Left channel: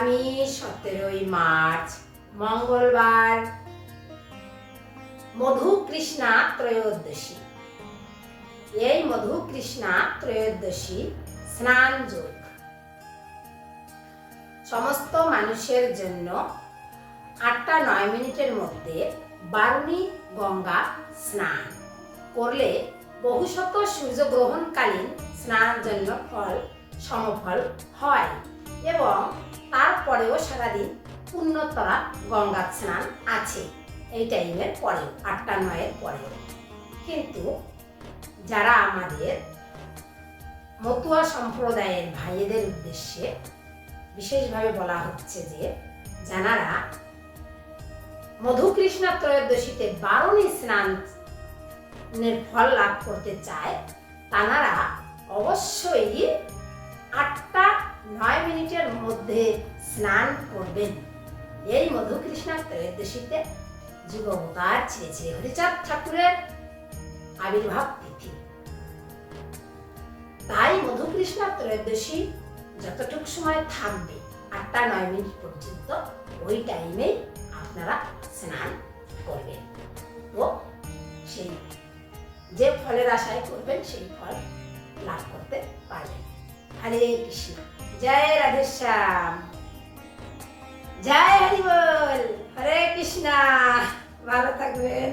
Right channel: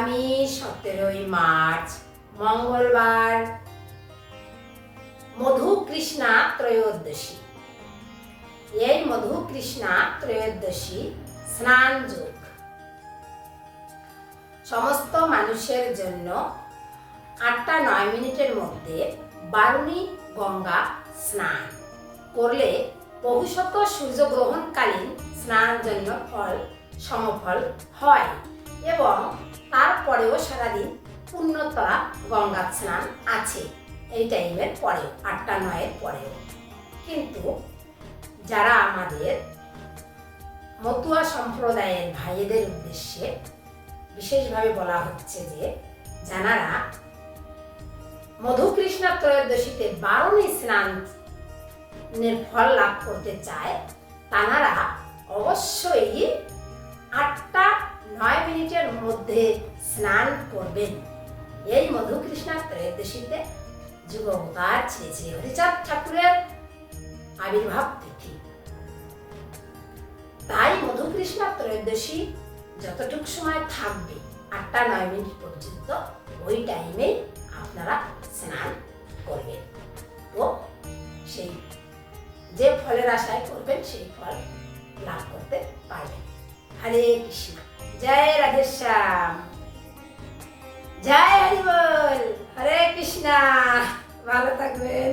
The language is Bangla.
আগামী 17ই মার্চ মঙ্গলবার মধুকৃষ্ণা ত্রয়োদশী। এই মধুকৃষ্ণা ত্রয়োদশী স্নান যোগ সমস্ত মানুষের জন্য 8-9 মিনিটের মধ্যে বারুণী গঙ্গা স্নান করলে বহুশত সূর্যগ্রহণকালীন স্নানের জন্য সমফল হয় এবং তারপরেও সারাদিন পুণ্যতরা গঙ্গা স্নান আছে এই টাইমের পরেও 8-9-এর পরেও। কিন্তু যারা আমাদের মতুয়া সম্প্রদায়ের ভাইদের উদ্দেশ্যে বিশেষভাবে বলা হচ্ছে যে যারা মধুকৃষ্ণা ত্রয়োদশীতে বারুণী স্নানের ফল লাভ করতে চায় তারা অবশ্যই 8-9 মিনিটের মধ্যে স্নান করবেন। এই মধুকৃষ্ণা ত্রয়োদশীতে যুগবতার শ্রী শ্রী হরিচাঁদ ঠাকুরের আবির্ভাব তিথি। তাই মধুকৃষ্ণা ত্রয়োদশী যতটুকু সময় থাকবে 8-9 মিনিট পর্যন্ত ওই টাইমেই আপনারা স্নান করবেন। তো সেই যে ফলের আশায় করবেন সেই ফল লাভ করতে পারবেন। হরে কৃষ্ণ, জয় রাধেশ্যাম, জয় হরি বল, হরে কৃষ্ণ। ভালো থাকবেন।